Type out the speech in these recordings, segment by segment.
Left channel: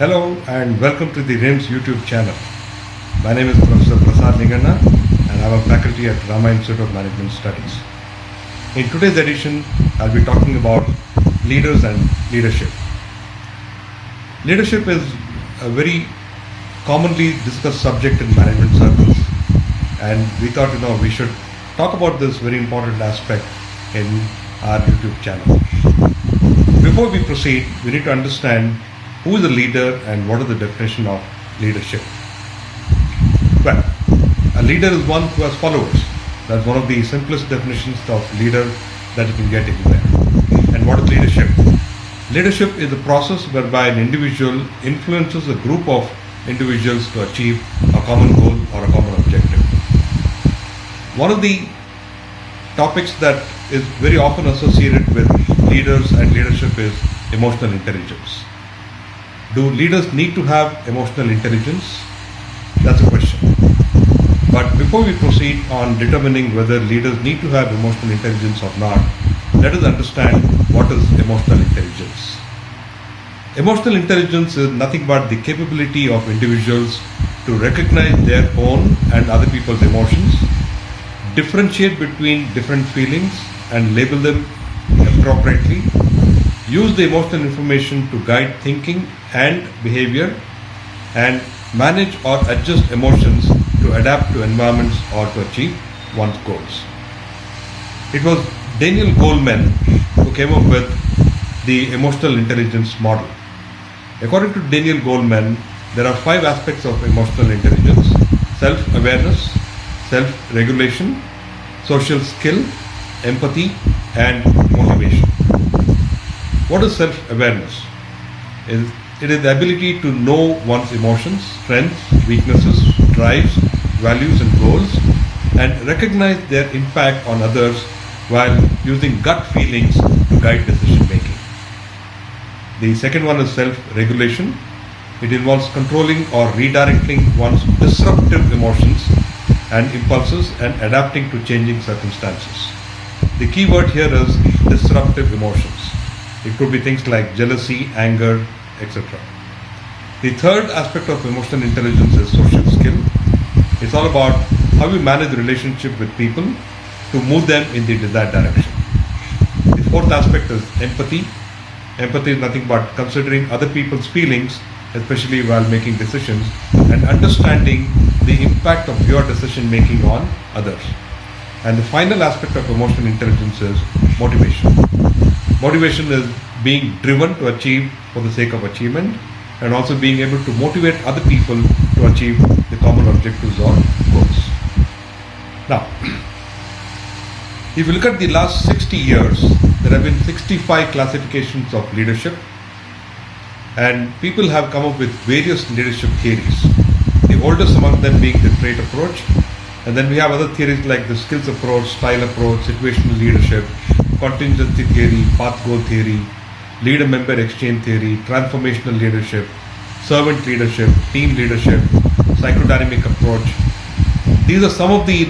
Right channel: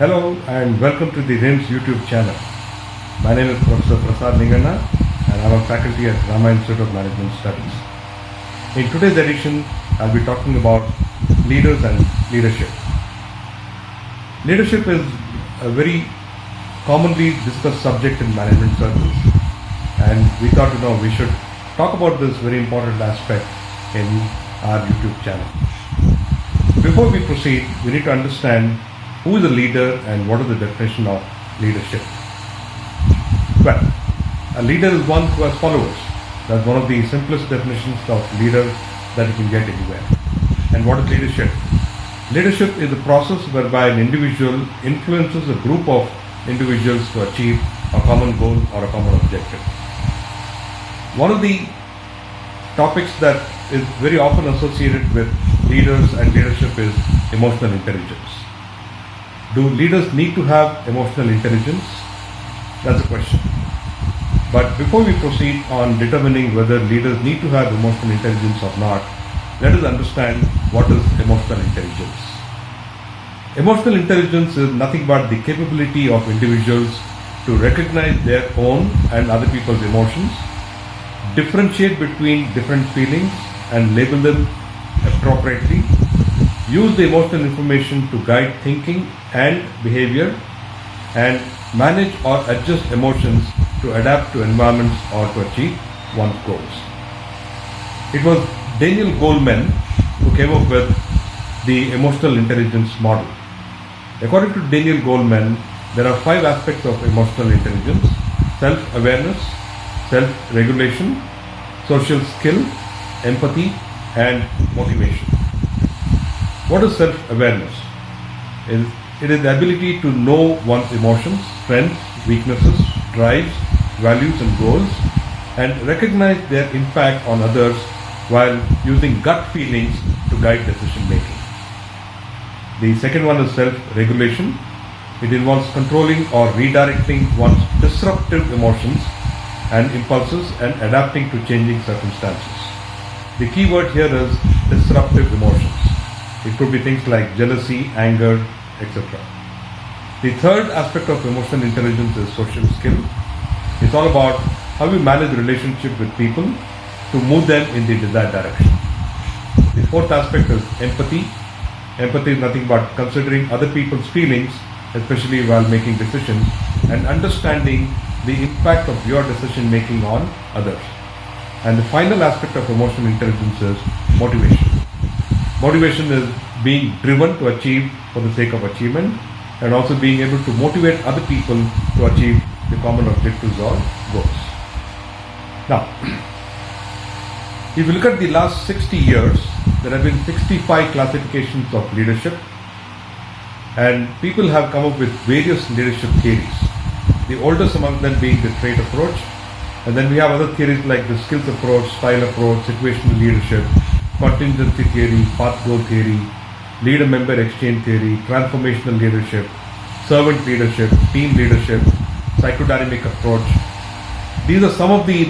Hello and welcome to the RIMS YouTube channel. My name is Prof. and I'm a faculty at Rama Institute of Management Studies. In today's edition, I'll be talking about leaders and leadership. Leadership is a very commonly discussed subject in management circles, and we thought we should talk about this very important aspect in our YouTube channel. Before we proceed, we need to understand who is a leader and what is the definition of leadership. Well, a leader is one who has followers. That's one of the simplest definitions of leader that you can get anywhere. And what is leadership? Leadership is a process whereby an individual influences a group of individuals to achieve a common goal or a common objective. One of the topics that is very often associated with leaders and leadership is emotional intelligence. Do leaders need to have emotional intelligence? That's a question. But before we proceed on determining whether leaders need to have emotional intelligence or not, let us understand what is emotional intelligence. Emotional intelligence is nothing but the capability of individuals to recognize their own and other people's emotions, differentiate between different feelings and label them appropriately, use the emotional information to guide thinking and behavior, and manage or adjust emotions to adapt to environments or to achieve one's goals. It was Daniel Goleman who came up with the emotional intelligence model. According to Daniel Goleman, there are 5 aspects of emotional intelligence: self-awareness, self-regulation, social skill, empathy, and motivation. What is self-awareness? It is the ability to know one's emotions, strengths, weaknesses, drives, values and goals, and recognize their impact on others while using gut feelings to guide decision making. The second one is self-regulation. It involves controlling or redirecting one's disruptive emotions and impulses and adapting to changing circumstances. The key word here is disruptive emotions. It could be things like jealousy, anger, etc. The third aspect of emotional intelligence is social skill. It's all about how you manage the relationship with people to move them in the desired direction. The fourth aspect is empathy. Empathy is nothing but considering other people's feelings, especially while making decisions, and understanding the impact of your decision making on others. And the final aspect of emotional intelligence is motivation. Motivation is being driven to achieve for the sake of achievement, and also being able to motivate other people to achieve the common objectives or goals. Now, if you look at the last 60 years, there have been 65 classifications of leadership, and people have come up with various leadership theories. The oldest among them being the trait approach, and then we have other theories like the skills approach, style approach, situational leadership, contingency theory, path goal theory, leader-member exchange theory, transformational leadership, servant leadership, team leadership, psychodynamic approach. These are some of the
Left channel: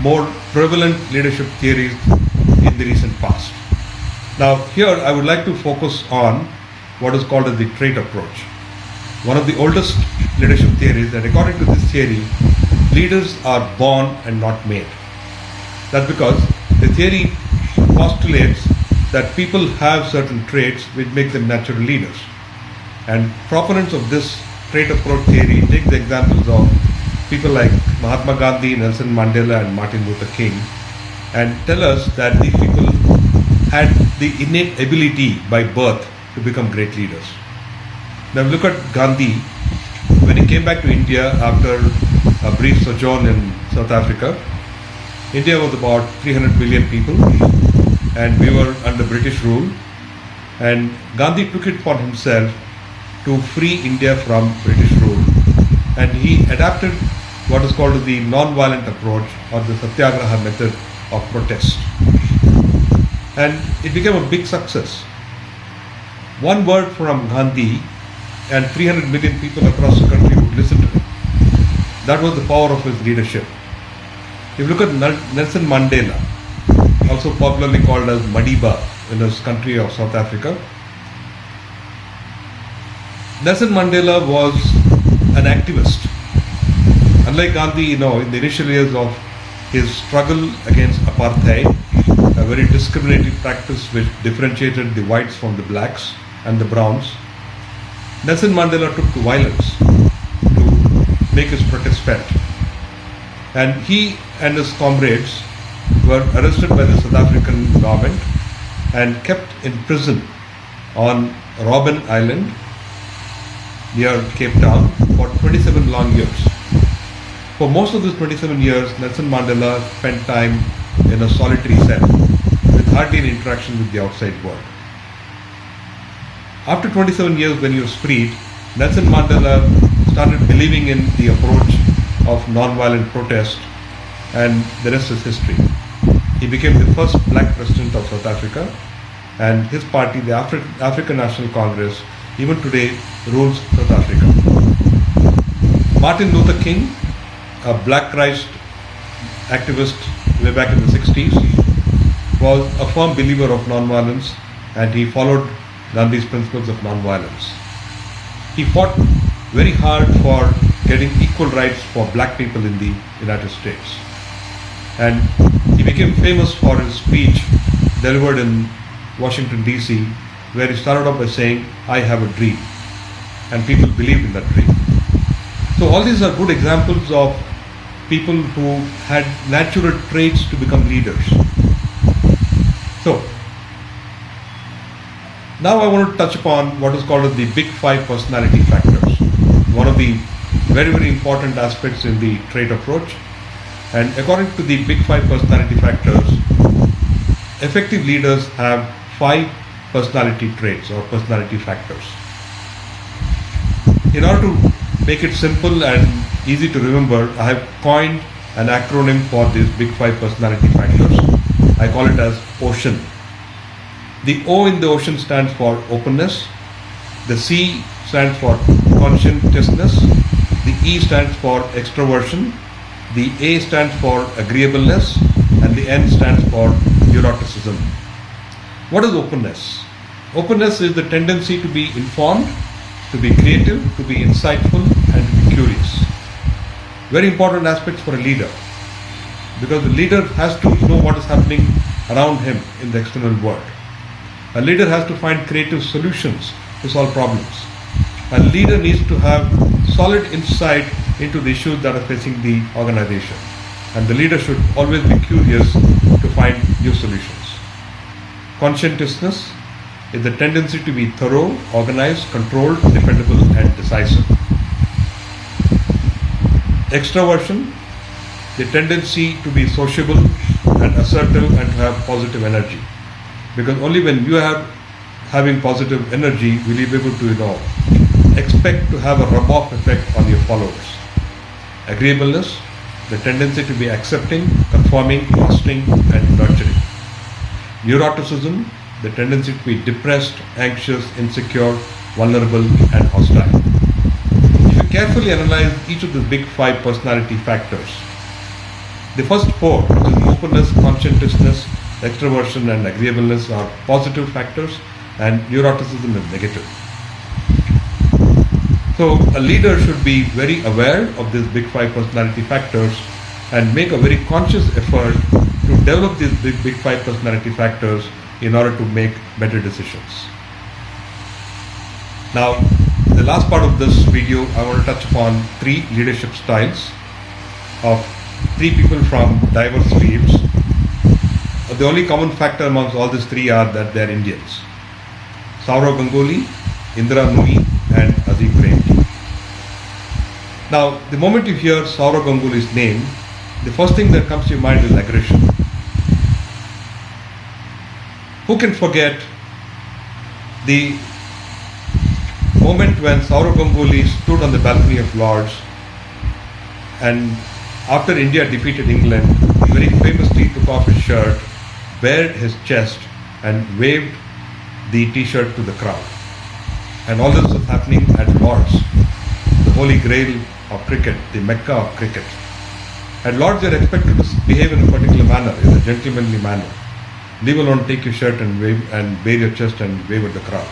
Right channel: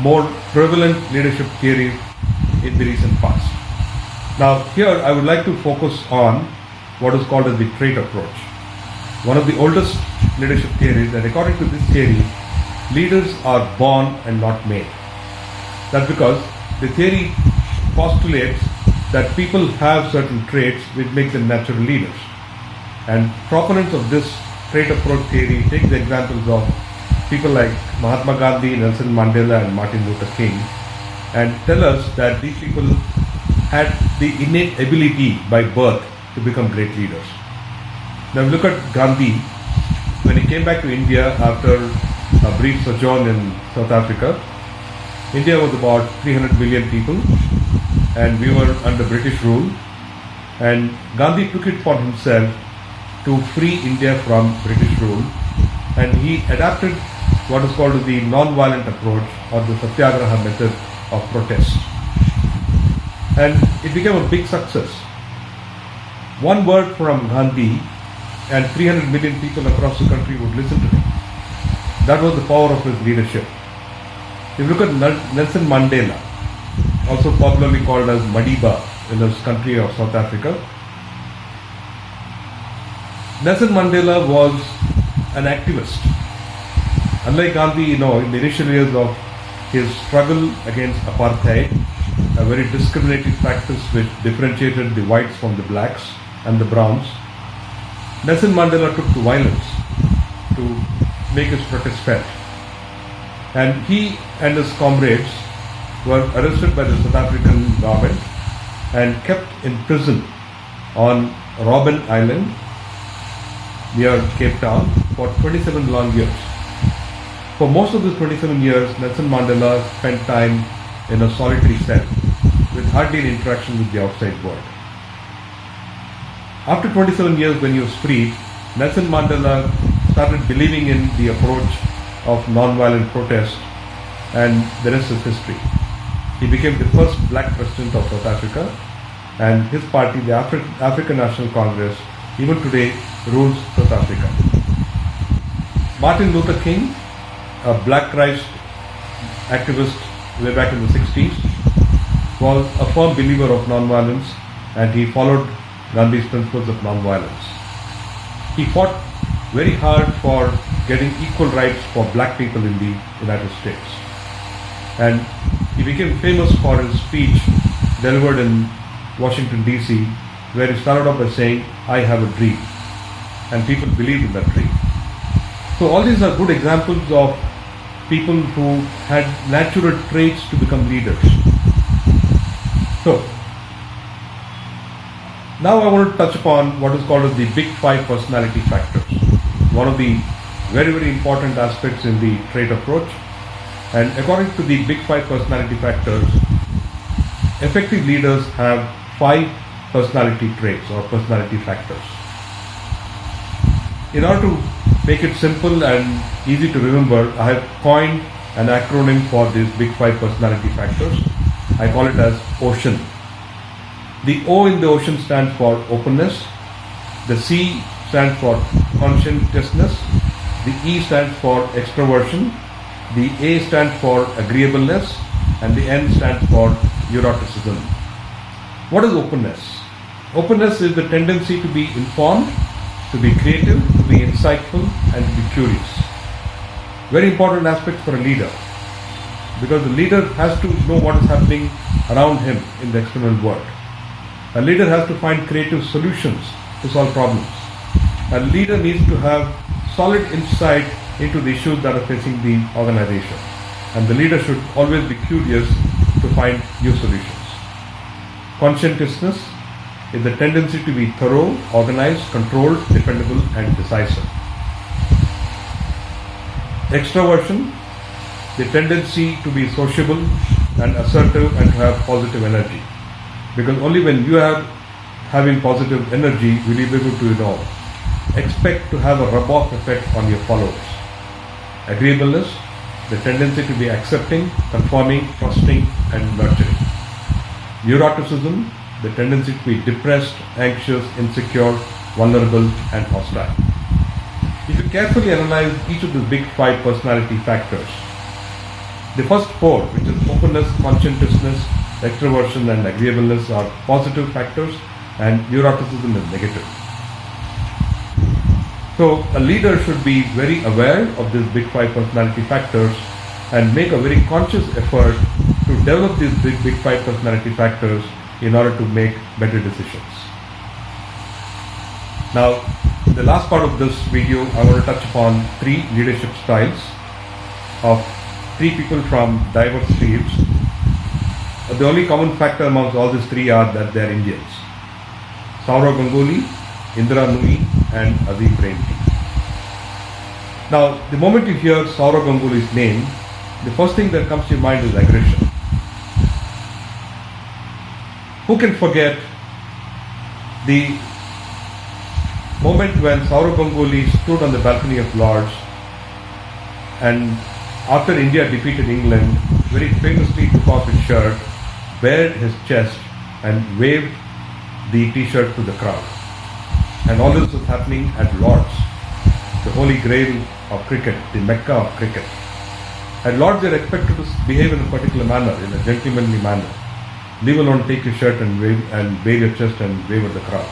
more prevalent leadership theories in the recent past. Now here I would like to focus on what is called as the trait approach. One of the oldest leadership theories, and according to this theory, leaders are born and not made. That's because the theory postulates that people have certain traits which make them natural leaders. And proponents of this trait approach theory take the examples of people like Mahatma Gandhi, Nelson Mandela and Martin Luther King, and tell us that these people had the innate ability by birth to become great leaders. Now look at Gandhi. When he came back to India after a brief sojourn in South Africa, India was about 300 million people, and we were under British rule, and Gandhi took it upon himself to free India from British rule, and he adapted what is called the non-violent approach or the satyagraha method of protest, and it became a big success. One word from Gandhi and 300 million people across the country would listen to him. That was the power of his leadership. If you look at Nelson Mandela, also popularly called as Madiba in his country of South Africa, Nelson Mandela was an activist. Unlike Gandhi, in the initial years of his struggle against apartheid, a very discriminating practice which differentiated the whites from the blacks and the browns, Nelson Mandela took to violence to make his protest felt. And he and his comrades were arrested by the South African government and kept in prison on Robben Island near Cape Town for 27 long years. For most of those 27 years, Nelson Mandela spent time in a solitary cell with hardly any interaction with the outside world. After 27 years, when he was freed, Nelson Mandela started believing in the approach of non-violent protest, and the rest is history. He became the first black president of South Africa, and his party, the African National Congress, even today rules South Africa. Martin Luther King, a black Christ activist way back in the 60s, was a firm believer of non-violence, and he followed Gandhi's principles of non-violence. He fought very hard for getting equal rights for black people in the United States. And he became famous for his speech delivered in Washington, D.C., where he started off by saying, "I have a dream." And people believed in that dream. So all these are good examples of people who had natural traits to become leaders. So, now I want to touch upon what is called as the Big Five personality factors. One of the very, very important aspects in the trait approach. And according to the Big Five personality factors, effective leaders have 5 personality traits or personality factors. In order to make it simple and easy to remember, I have coined an acronym for these Big Five personality factors. I call it as OCEAN. The O in the OCEAN stands for openness, the C stands for conscientiousness, the E stands for extroversion, the A stands for agreeableness, and the N stands for neuroticism. What is openness? Openness is the tendency to be informed, to be creative, to be insightful, and to be curious. Very important aspects for a leader, because the leader has to know what is happening around him in the external world. A leader has to find creative solutions to solve problems. A leader needs to have solid insight into the issues that are facing the organization. And the leader should always be curious to find new solutions. Conscientiousness is the tendency to be thorough, organized, controlled, dependable, and decisive. Extroversion, the tendency to be sociable and assertive and to have positive energy. Because only when you are having positive energy will you be able to, expect to have a rub-off effect on your followers. Agreeableness, the tendency to be accepting, conforming, trusting, and nurturing. Neuroticism, the tendency to be depressed, anxious, insecure, vulnerable, and hostile. If you carefully analyze each of the Big Five personality factors, the first 4, which is openness, conscientiousness, extroversion, and agreeableness, are positive factors, and neuroticism is negative. So a leader should be very aware of these Big Five personality factors and make a very conscious effort to develop these Big Five personality factors in order to make better decisions. Now, the last part of this video, I want to touch upon 3 leadership styles of 3 people from diverse fields. The only common factor amongst all these 3 are that they are Indians. Sourav Ganguly, Indira Nooyi, and Azim Premji. Now, the moment you hear Sourav Ganguly's name, the first thing that comes to your mind is aggression. Who can forget the moment when Sourav Ganguly stood on the balcony of Lords and after India defeated England, very famously took off his shirt, bared his chest, and waved the t-shirt to the crowd. And all this was happening at Lords, the holy grail of cricket, the Mecca of cricket. At Lords, they are expected to behave in a particular manner, in a gentlemanly manner. Leave alone take your shirt and wave and bare your chest and wave at the crowd.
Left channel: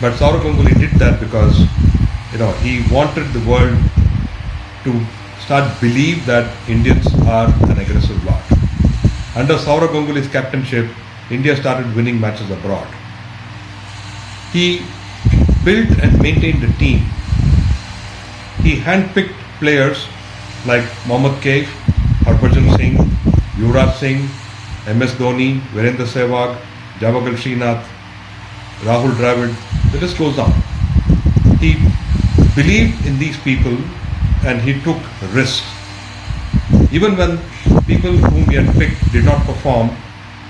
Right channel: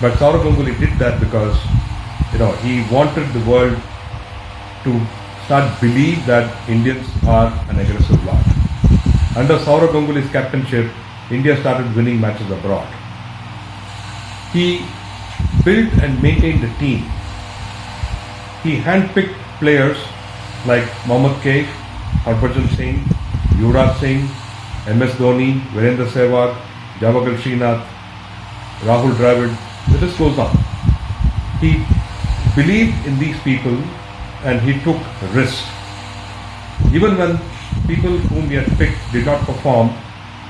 But Saurav Ganguly did that because, he wanted the world to start believe that Indians are an aggressive lot. Under Saurav Ganguly's captainship, India started winning matches abroad. He built and maintained the team. He handpicked players like Mohammad Kaif, Harbhajan Singh, Yuvraj Singh, MS Dhoni, Virendra Sehwag, Javagal Srinath, Rahul Dravid, the list goes on. He believed in these people and he took risks. Even when people whom he had picked did not perform,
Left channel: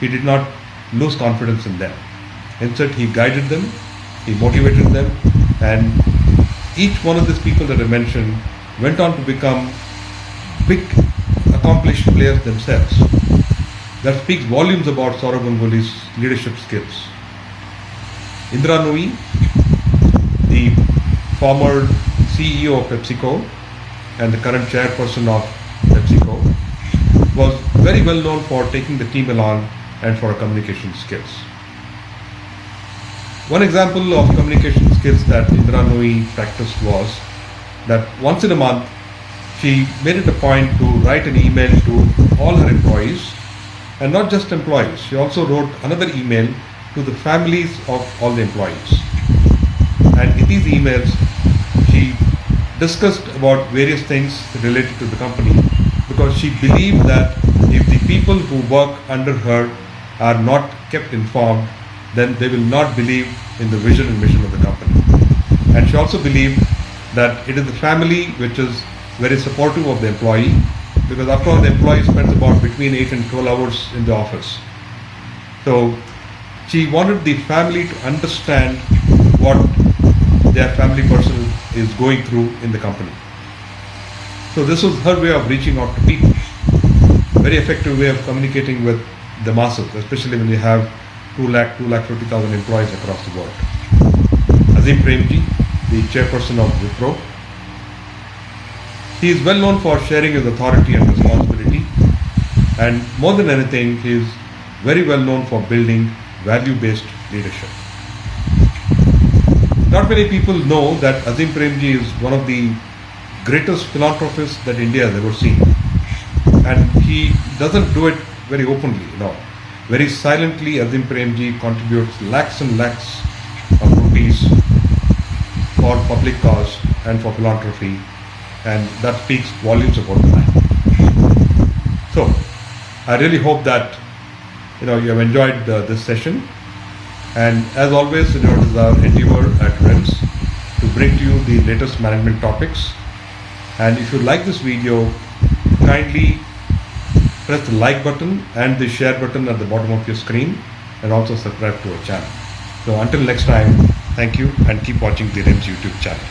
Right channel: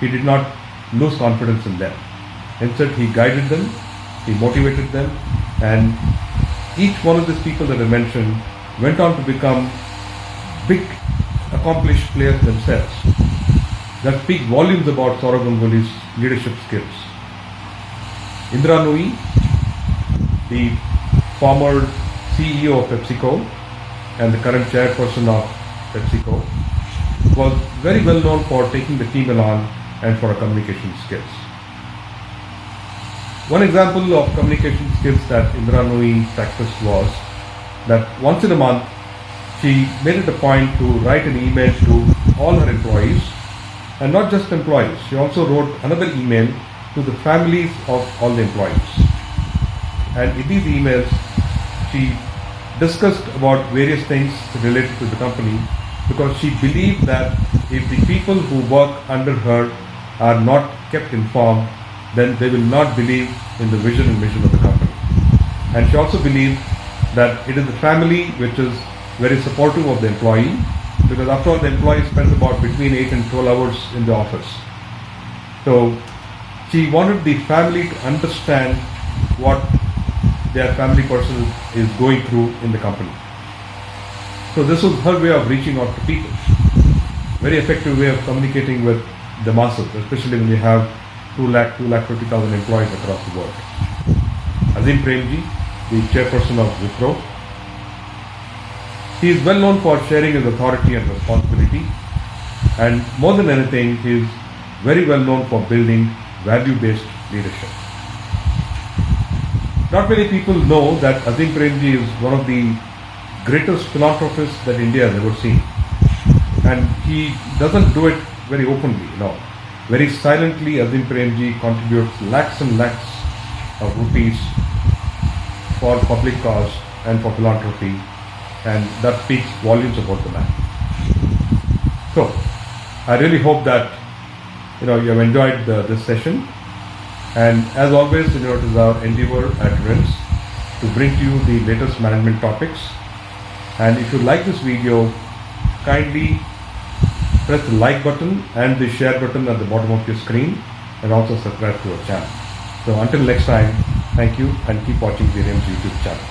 he did not lose confidence in them. Instead, he guided them, he motivated them, and each one of these people that I mentioned went on to become big, accomplished players themselves. That speaks volumes about Saurav Ganguly's leadership skills. Indra Nooyi, the former CEO of PepsiCo and the current chairperson of PepsiCo, was very well known for taking the team along and for her communication skills. One example of communication skills that Indra Nooyi practiced was that once in a month she made it a point to write an email to all her employees, and not just employees, she also wrote another email to the families of all the employees. And in these emails she discussed about various things related to the company, because she believed that if the people who work under her are not kept informed, then they will not believe in the vision and mission of the company. And she also believed that it is the family which is very supportive of the employee, because after all the employee spends about between 8 and 12 hours in the office. So she wanted the family to understand what their family person is going through in the company. So this was her way of reaching out to people. Very effective way of communicating with the masses, especially when you have 250,000 employees across the world. Azim Premji, the chairperson of Wipro. He is well known for sharing his authority and responsibility, and more than anything, he is very well known for building value-based leadership. Not many people know that Azim Premji is one of the greatest philanthropists that India has ever seen, and he doesn't do it very openly. Very silently, Azim Premji contributes lakhs and lakhs of rupees for public cause and for philanthropy, and that speaks volumes about the man. So, I really hope that you have enjoyed this session, and as always, it is our endeavor at RIMS to bring to you the latest management topics. And if you like this video, kindly press the like button and the share button at the bottom of your screen, and also subscribe to our channel. So until next time, thank you, and keep watching the RIMS YouTube channel.